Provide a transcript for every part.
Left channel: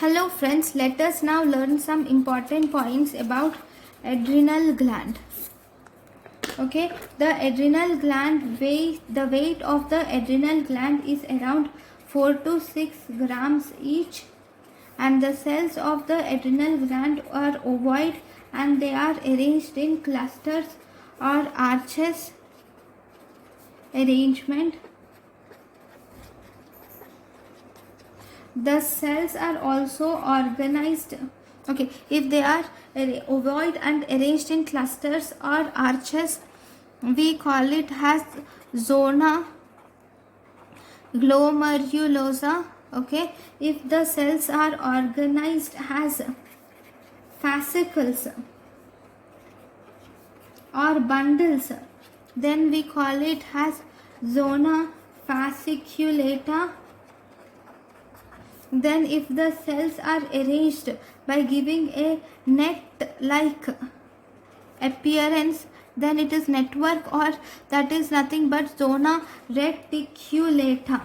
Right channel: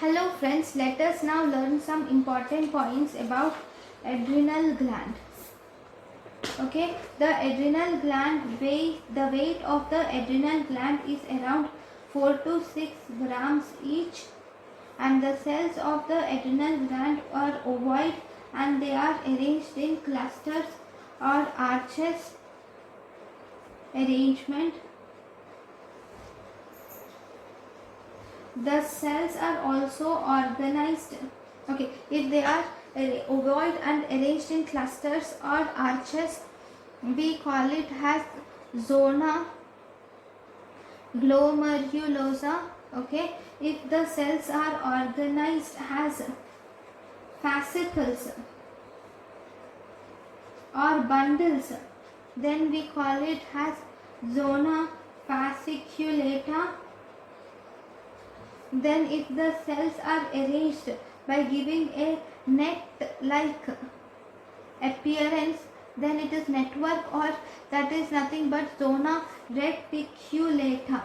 Hello friends, let us now learn some important points about adrenal gland. Okay, the adrenal gland the weight of the adrenal gland is around 4 to 6 grams each, and the cells of the adrenal gland are ovoid and they are arranged in clusters or arches arrangement. The cells are also organized, okay, if they are ovoid and arranged in clusters or arches, we call it as zona glomerulosa. Okay, if the cells are organized as fascicles or bundles, then we call it as zona fasciculata. Then if the cells are arranged by giving a net-like appearance, then it is network, or that is nothing but zona reticulata.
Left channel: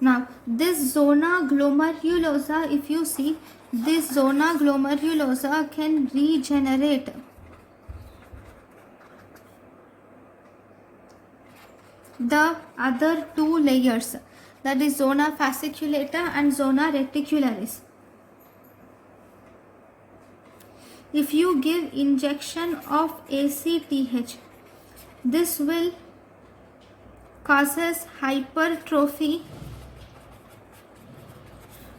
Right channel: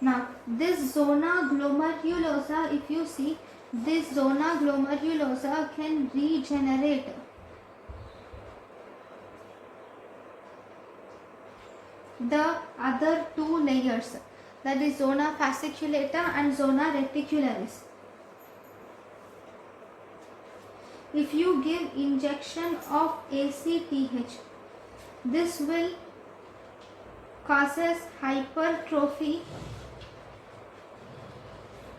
Now this zona glomerulosa, if you see, this zona glomerulosa can regenerate the other two layers, that is zona fasciculata and zona reticularis. If you give injection of ACTH, this will causes hypertrophy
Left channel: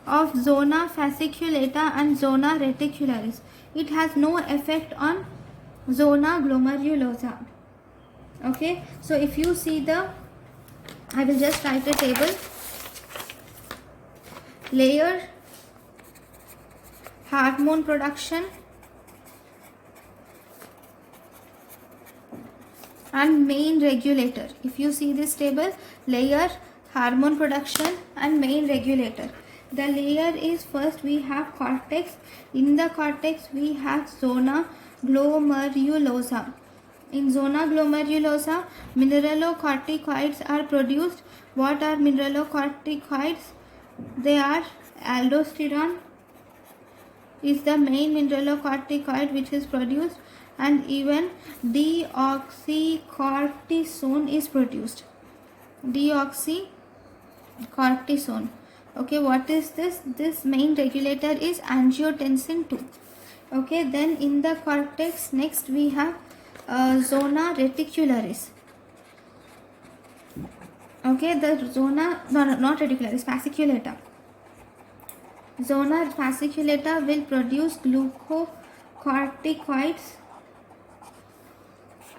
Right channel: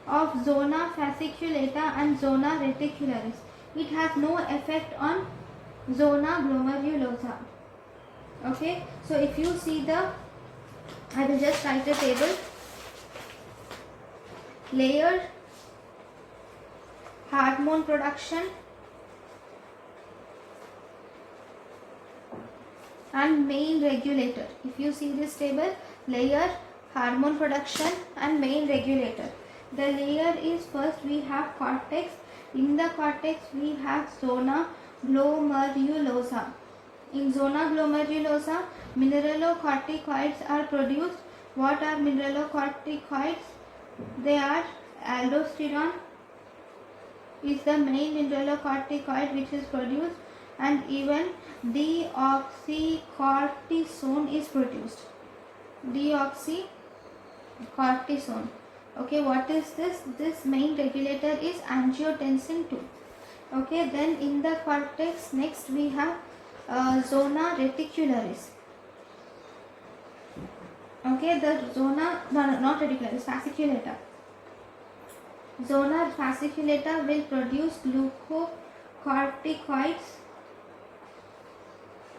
of zona fasciculata and zona reticularis. It has no effect on zona glomerulosa. Okay, so if you see I will just write a table. Layer, hormone production, and main regulator. If you see this table, layer, hormone production and main regulator. The layer is, first we have cortex. In the cortex we have zona glomerulosa. In zona glomerulosa, mineralocorticoids are produced. What are mineralocorticoids? They are aldosterone is the main mineralocorticoid which is produced, and even deoxycortisone is produced. Deoxycortisone. Okay, what is this? This main regulator is angiotensin 2. Okay, then in the cortex, next we have zona reticularis. Okay, the zona, no, not reticularis, fasciculata. Zona fasciculata will produce glucocorticoids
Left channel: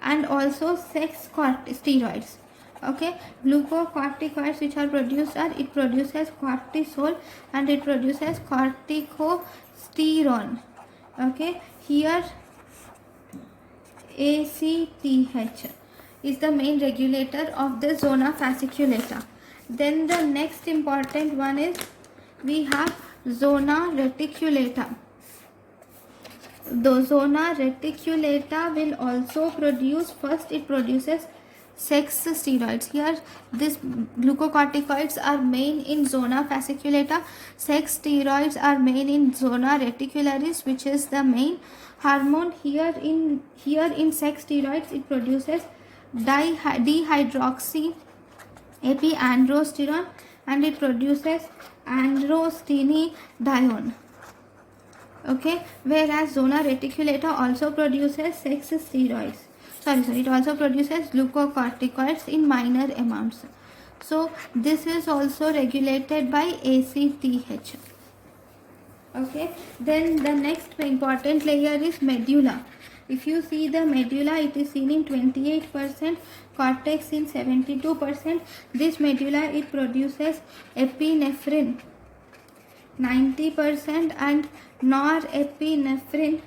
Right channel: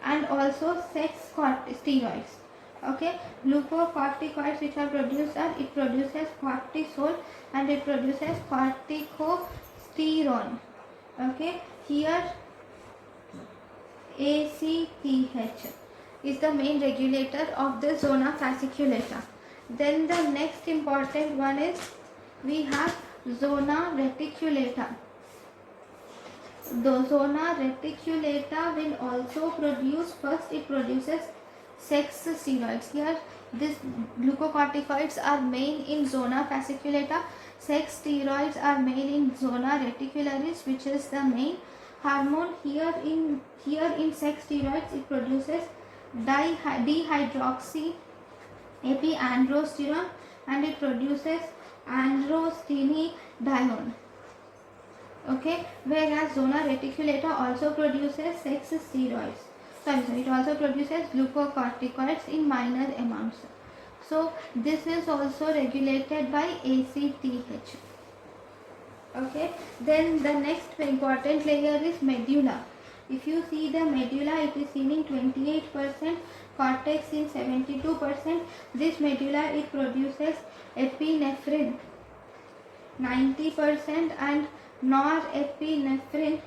and also sex steroids. Okay, glucocorticoids which are produced are, it produces cortisol and it produces corticosterone. Okay, here ACTH is the main regulator of the zona fasciculata. Then the next important one is we have zona reticulata. The zona reticulata will also produce, first it produces sex steroids. Here these glucocorticoids are main in zona fasciculata, sex steroids are main in zona reticularis, which is the main hormone. Here in sex steroids it produces dihydroxy epiandrosterone and it produces androstenedione. Okay, whereas zona reticulata also produces sex steroids. It also produces glucocorticoids in minor amounts. So this is also regulated by ACTH. Okay, then the next important layer is medulla. If you see the medulla, it is seen in 28%, cortex in 72%. This medulla, it produces epinephrine 90% and norepinephrine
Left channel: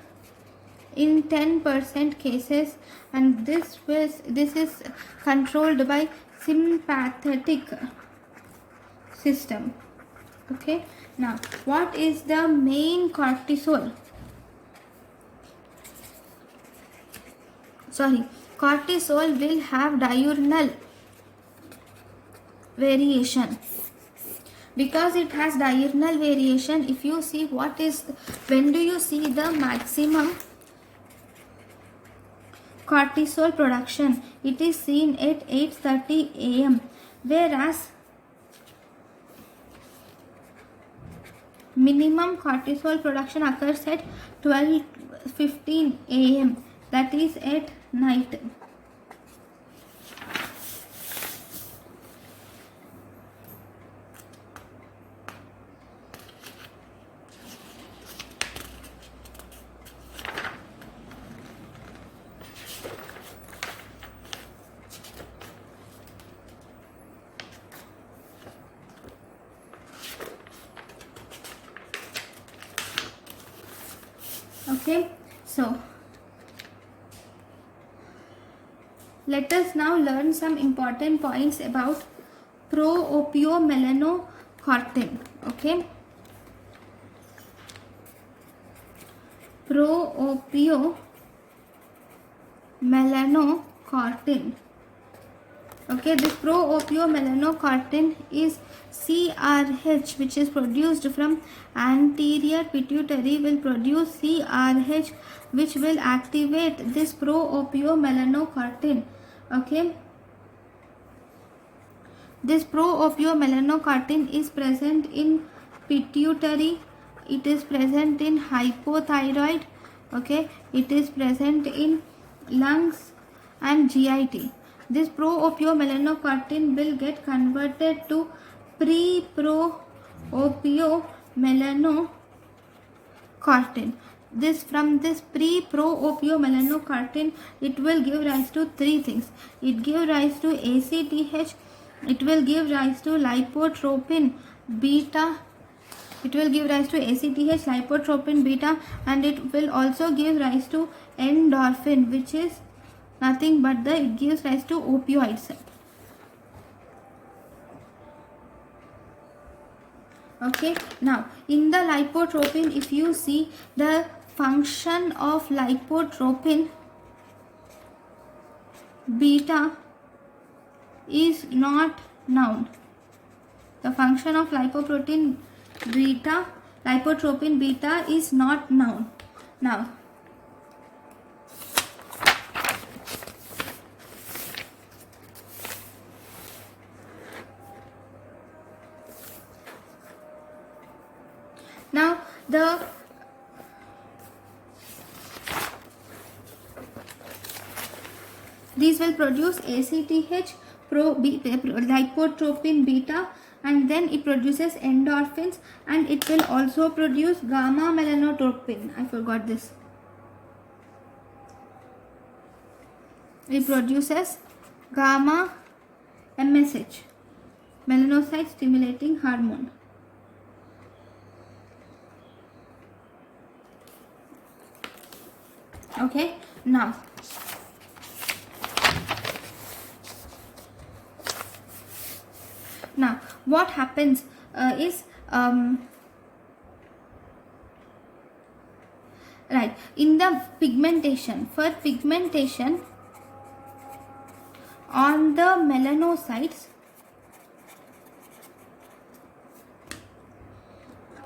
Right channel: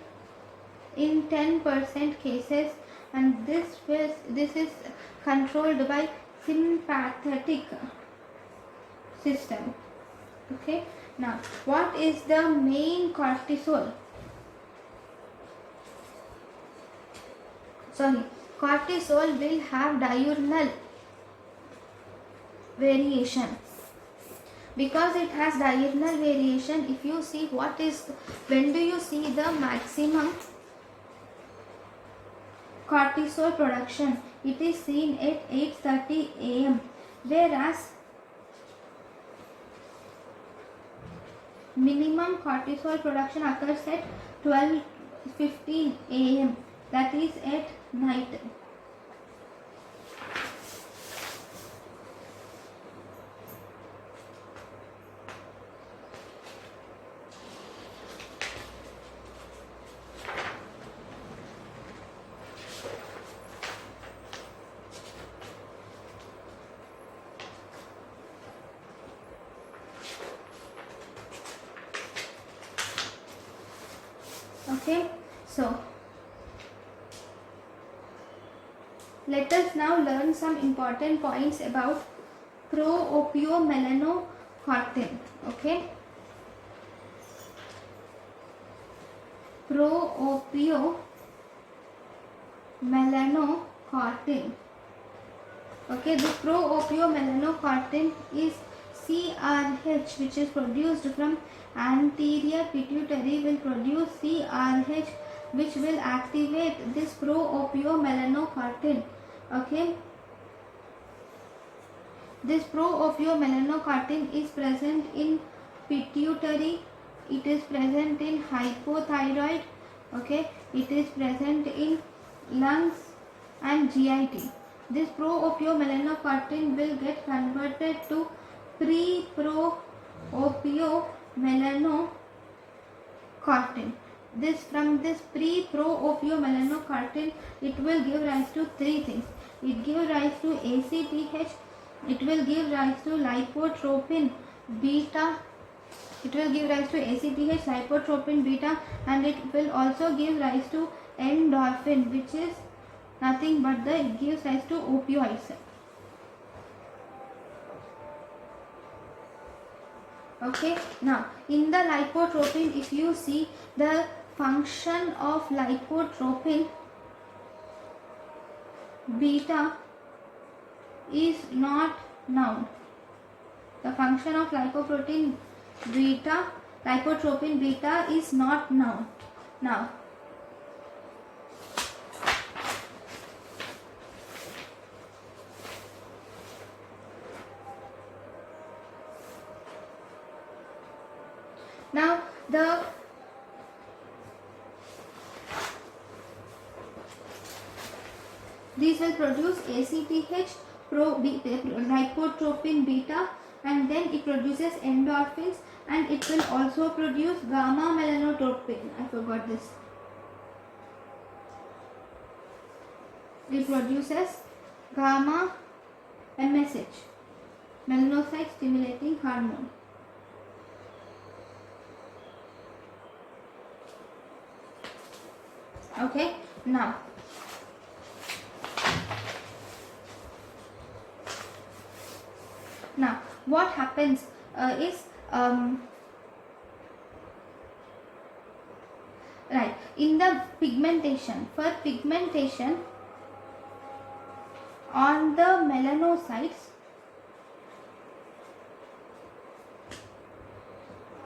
in 10% cases, and this is controlled by sympathetic system. Okay, now what is the main cortisol? cortisol will have diurnal variation. Because it has diurnal variation, if you see when do you see the maximum cortisol production? It is seen at 8:30 am, whereas minimum cortisol production occurs at 12:15 am, that is at night. Okay, so let us now learn some important points about pro-opiomelanocortin. Okay, pro-opiomelanocortin. Okay, this pro-opiomelanocortin is CRH, which is produced from anterior pituitary, will produce CRH, which will activate this pro-opiomelanocortin. Okay, this pro-opiomelanocortin is present in pituitary, it is present in hypothyroid, okay, it is present in lungs and GIT. This pro-opiomelanocortin will get converted to pre-pro-opiomelanocortin. From this pre-pro-opiomelanocortin, it will give rise to three things. It gives rise to ACTH, it will give rise to lipotropin beta, and it will also give rise to endorphin, which is nothing but it gives rise to opioids. Okay, now in the lipotropin, if you see, the function of lipotropin beta is not known. The function of lipotropin beta is not known. Now, these will produce ACTH, lipotropin beta, and then it produces endorphins, and it will also produce gamma melanotropin. I forgot this. It produces gamma MSH, melanocyte stimulating hormone. Okay, now what happens is right, in the pigmentation, for pigmentation on the melanocytes,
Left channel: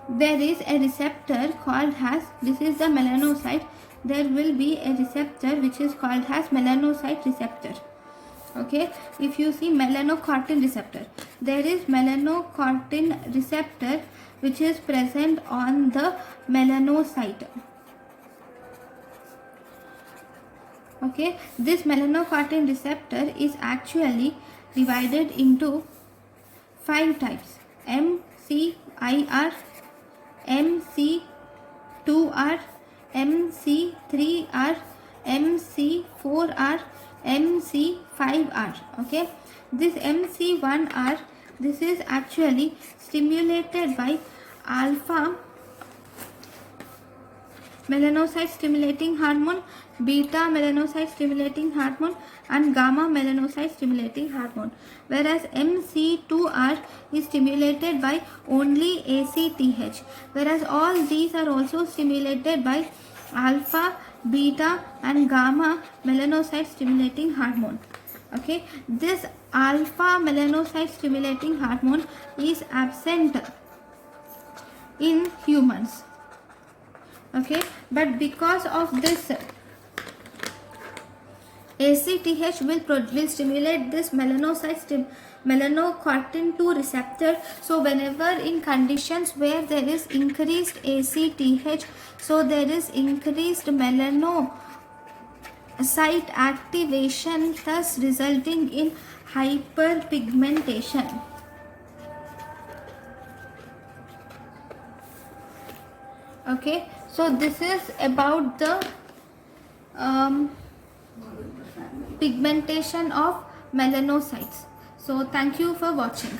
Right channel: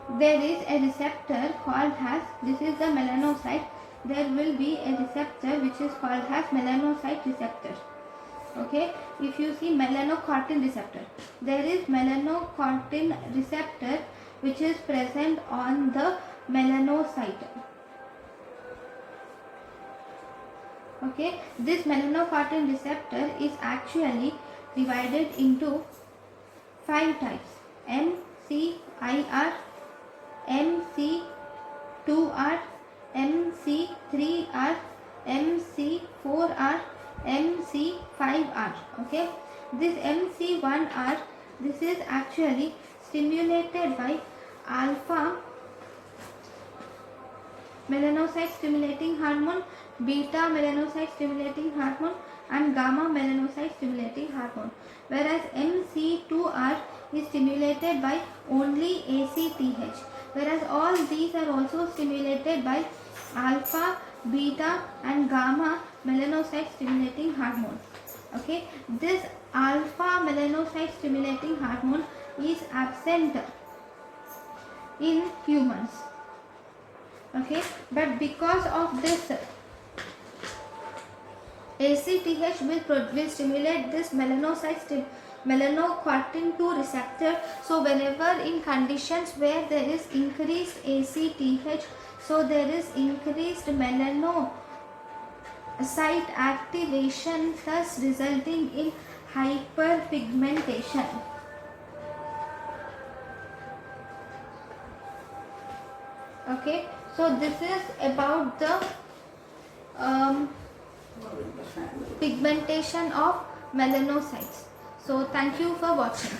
there is a receptor called as, this is the melanocyte, there will be a receptor which is called as melanocyte receptor. Okay, if you see melanocortin receptor, there is melanocortin receptor which is present on the melanocyte. Okay, this melanocortin receptor is actually divided into 5 types: MCIR, MC2R, MC3R, MC4R, MC5R. Okay, this MC1R, this is actually stimulated by alpha melanocyte stimulating hormone, beta melanocyte stimulating hormone, and gamma melanocyte stimulating hormone, whereas MC2R is stimulated by only ACTH, whereas all these are also stimulated by alpha beta and gamma melanocyte stimulating hormone. Okay, this alpha melanocyte stimulating hormone is absent in humans. Okay, but because of this, ACTH will stimulate this melanocortin 2 receptor. So whenever in conditions where there is increased ACTH, so there is increased melanocyte activation, thus resulting in hyperpigmentation. Okay, so this is about the pigmentation of melanocytes. So thank you for watching.